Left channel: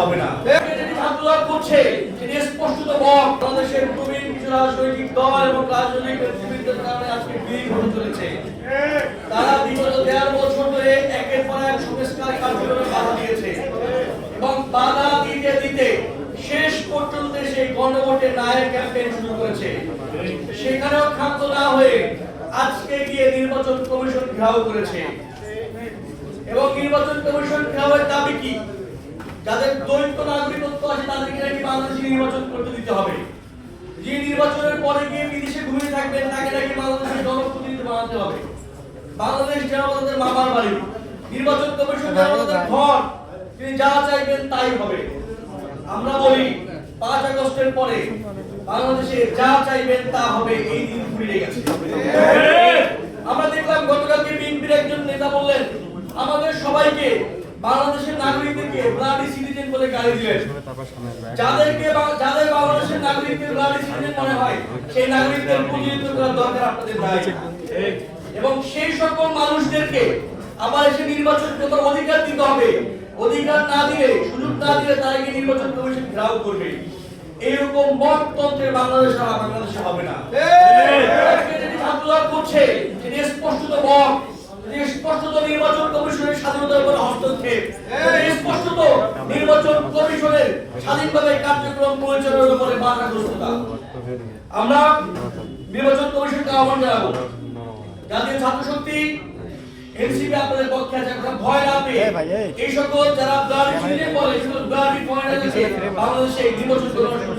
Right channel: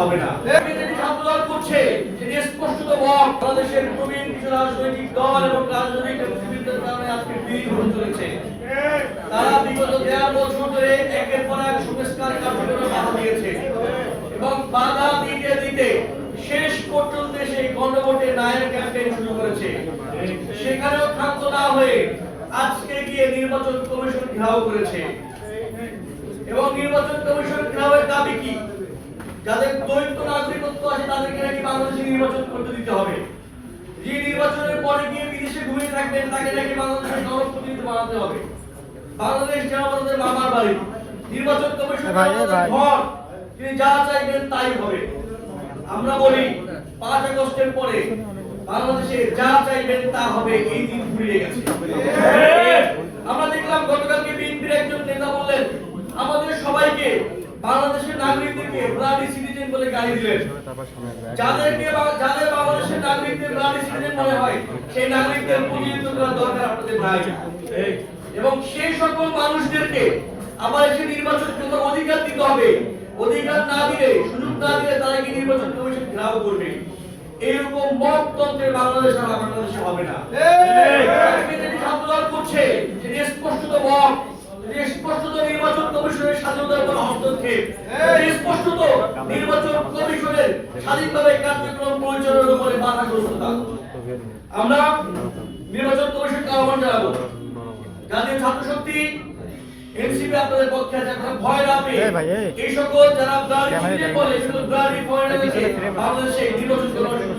হবে না। যেটি ছাত্রদল করছে সেটি স্পষ্টত বল বাংলাদেশের প্রবীণ রাজনৈতিক দল এবং রাজনৈতিক নেতৃবৃন্দের কারণে আজকে বিলীন হতে চলেছে। তারা বিগত দেড় বছর ধরে একের পর এক সংস্কার কার্যক্রমে বাধা দিয়েছে এবং বাধা দিতে দিতে শেষ পর্যন্ত সেই গণভোটের নায়ের ক্যাম্পেইন শুরু করেছে। সেখানেও ক্ষান্ত না হয়ে আজকে গিয়ে নির্বাচন কমিশন ঘেরাও করেছে। এবং নির্বাচন কমিশন ঘেরাওয়ের দাবি কি? যাদের দ্বৈত নাগরিকত্ব আছে তাদেরকে নাকি বাংলাদেশে নির্বাচন করতে দিতে হবে। যে নির্বাচনের পরে গিয়ে বিদেশে ঘুমিয়ে থাকবেন তাকে নাকি বাংলাদেশের জনপ্রতিনিধি বানাতে হবে। বাংলাদেশ যেন আমাদের মামার বাড়ি। নির্বাচন কমিশন আমাদের ঘর তিনি যা চাইবেন তাই হবে। আমরা বলি পাঁচ আগস্টের পরে বাংলাদেশে যা চাইবেন তা হবে এই দিন ফুরিয়ে গেছে। আমরা দেখলাম গতকালকে বিএনপির একজন নেতা বললেন আমাদের সবাইকে বাংলাদেশের নাগরিকদেরকে ব্লাডি সিটিজেন বলে গালি দিলেন। যাদেরকে যাদের বাংলাদেশের নাগরিকদের ব্লাডি সিটিজেন মনে হয়, সেই নাগরিকদের প্রতিনিধিত্ব করার দরকার আপনাদের নাই। এবং সেই সকল মানুষদেরকে আবার এসে নির্বাচন করার অধিকার দিতে হবে। অধিকার না দিলে, সুযোগ না দিলে তারা কি নির্বাচন কমিশন ঘেরাও করবে? এইরকম মততন্ত্রের বাংলাদেশ আর বাংলাদেশে হবে না। যেটি ছাত্রদল করছে সেটি স্পষ্টত সেটি স্পষ্টত নির্বাচন কমিশনের স্বাধীনতার উপর হস্তক্ষেপ সেটি স্পষ্টত নির্বাচন কমিশনের স্বাধীনভাবে কার্যক্রম পরিচালনার উপরে বাধাগ্রস্ত আমরা নির্বাচন কমিশনকে আহ্বান জানাব। জাতীয় ছাত্র শক্তি এনসিপি আপনাদের পক্ষে আছে। আপনারা ভয় না এই সকল যারা ব্লাডি বলে সেগুলো ব্লাডি বাংলাদেশে নির্বাচন কমিশন